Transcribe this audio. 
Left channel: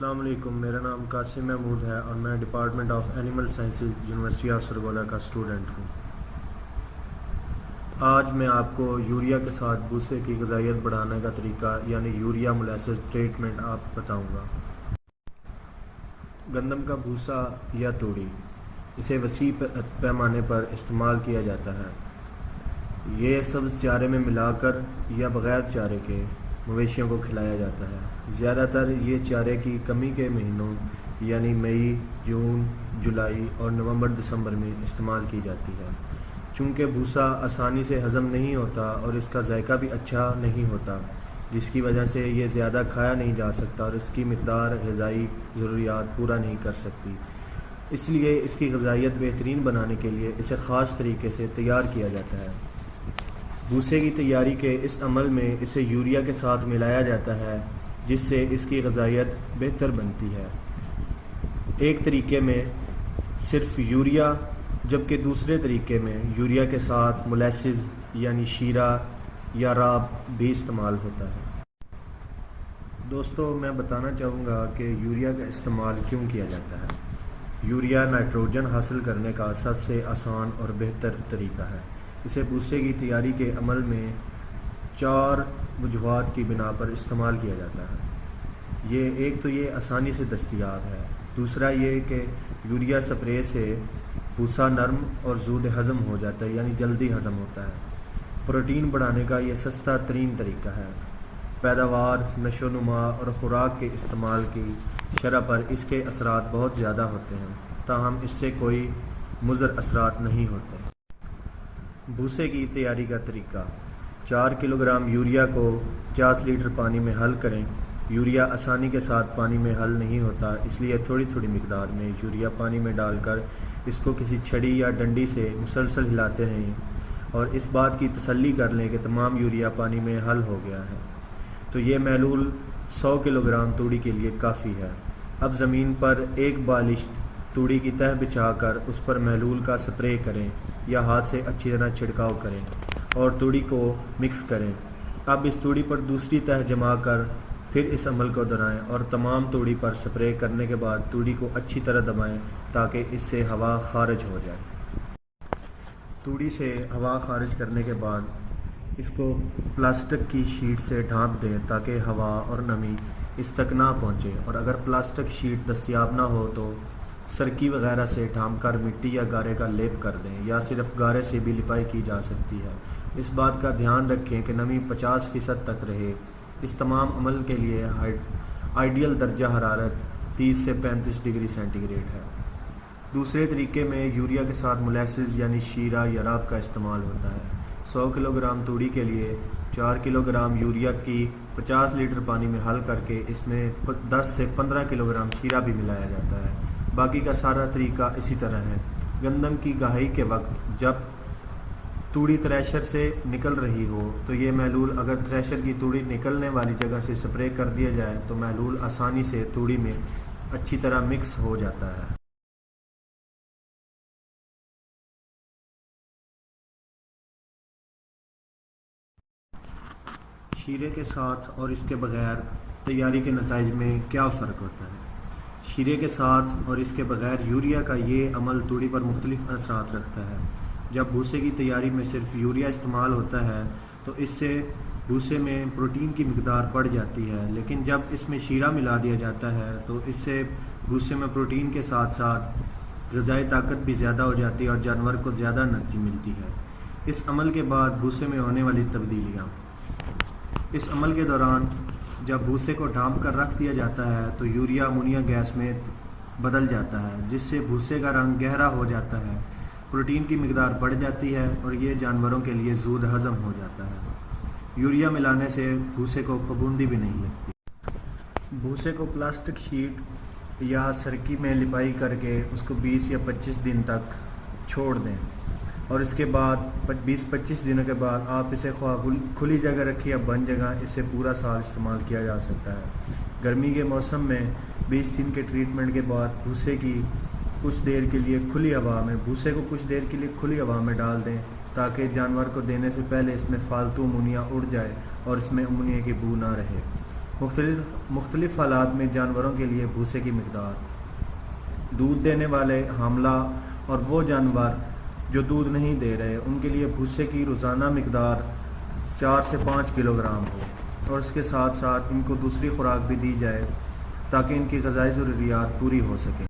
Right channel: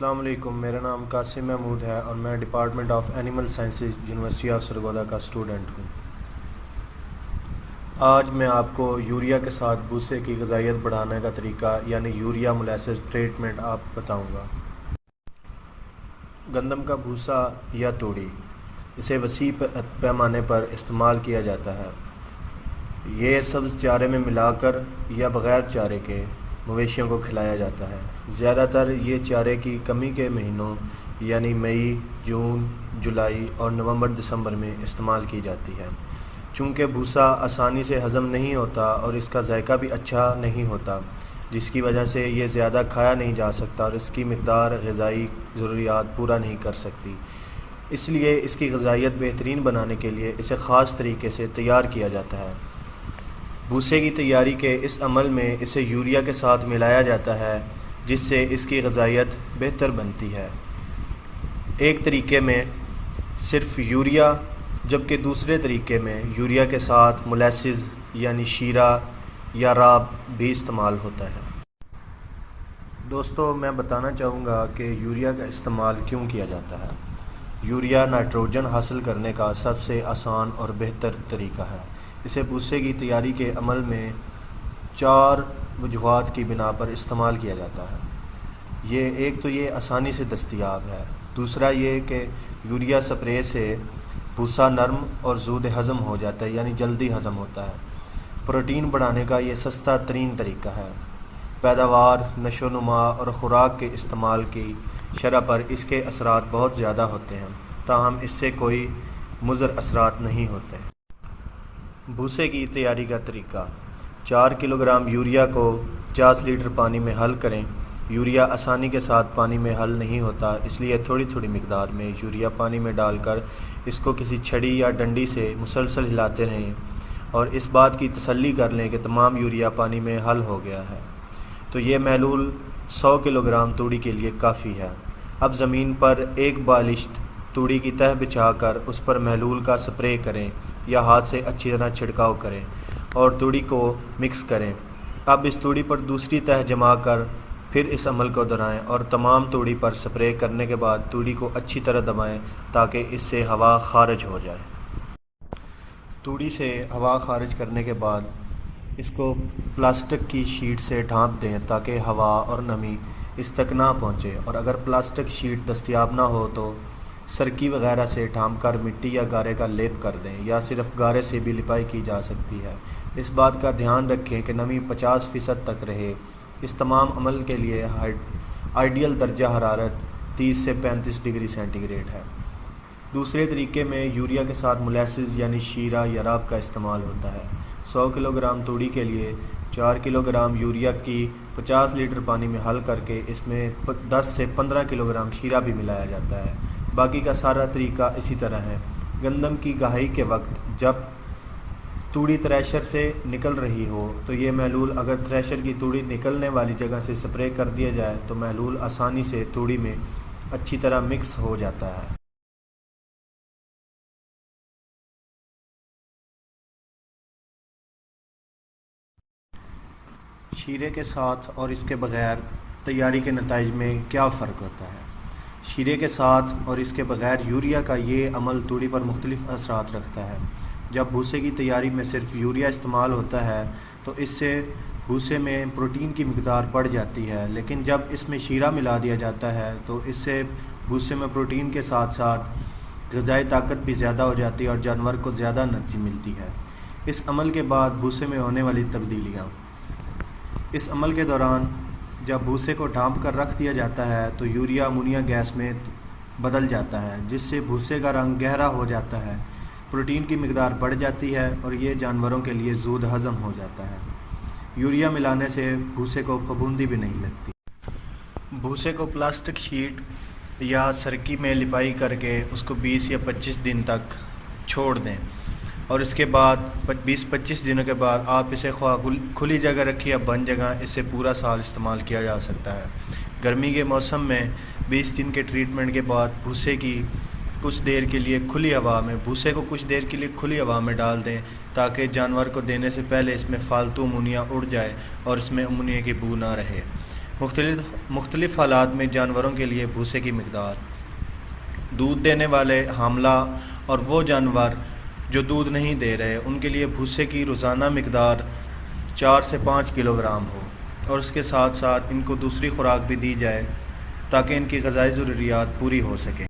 السلام علیکم، میرا نام قاسم محمود ہے اور میں department of animal sciences university of Sargodha کا اسٹوڈنٹ ہوں۔ آج میں آپ کو یوریا کے ساتھ بھوسے کی غذائیت بڑھانے کا طریقہ یعنی یوریا مولیسس ٹریٹمنٹ آپ بتاؤں گا۔ گندم کا بھوسا یا توڑی، اسے وسیع پیمانے پر استعمال کیا جاتا ہے۔ یہ سبز چارے میں ملا کر یا بغیر چارے کے مویشیوں کو کھلایا جاتا ہے۔ زیادہ تر یہ چارے کی کمی کے مہینوں یعنی مئی، جون، جولائی اور نومبر دسمبر میں استعمال کی جاتی ہے۔ چونکہ بھوسا آسانی سے ہضم نہیں ہوتا اور اس کا ذائقہ بھی اچھا نہیں ہوتا، جس کی وجہ سے یہ زیادہ کھایا نہیں جا سکتا اور اس کی مقدار غذائی ضروریات پورا نہیں کر سکتی۔ اس لیے اس کی غذائیت بہترین بنانے کے لیے اسے خاص طریقے سے تیار کیا جاتا ہے۔ بھوسے کی تیاری کے اس عمل میں اسے یوریا کے ساتھ ملایا جاتا ہے، جس سے اس کی غذائیت بہتر بنتی ہے۔ ایک طریقے میں صرف یوریا، جبکہ دوسرے طریقے میں یوریا کے ساتھ مولیسز یعنی شیرہ یا راب بھی استعمال ہوتا ہے۔ دوستو، میں بتانا چاہوں گا کہ یوریا کا استعمال کیوں کیا جاتا ہے۔ یوریا نائٹروجن حاصل کرنے کا سب سے آسان اور بہتر طریقہ ہے۔ اسے بھوسے کی تیاری کے عمل میں 4 وجوہات کی بنا پر استعمال کیا جاتا ہے۔ ایک تو یہ آسانی سے دستیاب ہے، دوسرا یہ کہ یوریا سپرے سے بھوسا نرم اور زود ہضم ہو جاتا ہے یعنی جلدی ہضم ہوتا ہے۔ پروٹین بڑھانے کا یہ سستا ترین طریقہ ہے۔ پیداوار، نشو و نما اور خوراک کے استعمال کی شرح پر اس کے اثرات بہت زیادہ ہوتے ہیں، تاہم اس سے کوئی مضر اثرات نہیں ہوتے۔ بھوسے کی تیاری کا طریقہ: 4 کلو گرام یوریا کو 50 لیٹر پانی میں حل کریں۔ یوریا آسانی کے ساتھ پانی میں حل نہیں ہوتا، اس لیے تھوڑی تھوڑی مقدار میں یوریا پانی میں ڈال کر اس کو کسی چھڑی یا ڈنڈی سے مسلسل ہلاتے رہیں اور اس بات کی تسلی کر لیں کہ تمام یوریا پانی میں حل ہو گیا ہے۔ تو یہ محلول 100 کلو گرام توڑی کے لیے کافی ہے۔ اب زمین پر ایک بالشت توڑی کی تہ بچھا کر اس پر محلول کا سپرے کریں یا ہاتھ سے اچھی طرح چھڑکاؤ کریں اور توڑی کو مکس کریں۔ اب اس توڑی پر دوسری تہ جما کر پھر اس عمل کو دہرائیں اور تمام توڑی پر سپرے کرنے کے بعد توڑی کو اچھی طرح دبائیں تاکہ اس سے ہوا خارج ہو جائے۔ توڑی سے ہوا خارج کرنے کے بعد اس کو پلاسٹک کی شیٹ سے ڈھانپ دیں تاکہ ہوا اور نمی اس تک نہ پہنچے، اور اگر پلاسٹک شیٹ دستیاب نہ ہو تو سرکی وغیرہ سے ڈھانپ کر مٹی یا گارے کا لیپ کر دیں، یا صرف گارے سے بھی لپائی کی جا سکتی ہے۔ اس بات کا دھیان رکھیں کہ نمی 50% تک رہے۔ اس تمام عمل کے لیے آئیڈیل درجہ حرارت 30 سے 35 ڈگری سینٹی گریڈ ہے۔ دوسرے طریقے میں یوریا کے ساتھ مولیسز یعنی شیرہ یا راب کا استعمال ہوتا ہے۔ 100 کلو گرام توڑی کے لیے 4 کلو گرام یوریا کی 50 لیٹر پانی میں حل کر کے اس میں 10 سے 15 کلو گرام شیرہ بھی ملایا جاتا ہے۔ باقی کا سارا طریقہ اسی طرح ہے۔ گندم کی گہائی کے وقت جب توڑی تھریشر سے نکل رہی ہو تو یہ محلول اگر تھریشر کی توڑی نکلنے والی جگہ سے سپرے کر دیا جائے تو محلول آسانی سے توڑی میں اچھی طرح مکس ہو جاتا ہے۔ شیرے کے ساتھ اور اس کے بغیر تیاری کے نتائج میں کیا فرق ہوتا ہے؟ شیرے کے ساتھ اور اس کے بغیر یوریا کا یہ عمل توڑی پر مختلف اثرات رکھتا ہے۔ جب بھوسے کی تیاری میں صرف یوریا استعمال ہوتا ہے تو اس سے بھوسے میں پروٹین کی مقدار بڑھ جاتی ہے، لیکن جب اس میں شیرہ ملا دیا جاتا ہے تو اس سے بھوسے میں پروٹین کے ساتھ ساتھ غذائی طاقت بھی زیادہ ہو جاتی ہے اور جانور کو زیادہ انرجی ملتی ہے۔ اس عمل کے بعد بھوسے میں ہونے والی تبدیلیاں: اس عمل کے دوران جب بھوسے کو ڈھانپ کر رکھ دیا جاتا ہے تو یوریا امونیا گیس میں بدل جاتا ہے، جس سے بھوسے کا رنگ گہرا ہو جاتا ہے، پروٹین کی مقدار بڑھ جاتی ہے اور یہ جانوروں کے لیے زود ہضم ہو جاتا ہے۔ یوریا ملانے سے بھوسے کو پھپھوندی بھی نہیں لگتی۔ بھوسے کو پلاسٹک شیٹ یا سرکی میں لپائی کر کے اس کو 20 یا 25 دن تک چھوڑ دیں، اور اس کے بعد 20-25 دنوں کے بعد آپ اسے خواہ کھلی جگہ رکھیں یا بند جگہ، اسے پورا سال استعمال کیا جا سکتا ہے۔ گرمی کے موسم میں 20 دن کے ٹریٹمنٹ کے بعد بھوسے کو کچھ دیر کے لیے کھلی ہوا میں ڈال دیں تاکہ جانور کو دینے سے پہلے اس میں فالتو امونیا اڑ جائے اور اس میں امونیا کی بو نہ رہے۔ مختلف حالات میں جانوروں کے لیے بھوسے کی مقدار: دودھ دینے والے، حاملہ اور وہ جانور جو دودھ نہیں دے رہے، ان کے لیے بھوسے کی روزانہ مقدار 4 سے 5 کلو گرام ہو، اور اس کے ساتھ ساتھ ان کو دوسری خوراک بھی دی جائے تاکہ ان کی غذائی ضروریات پوری ہو سکیں۔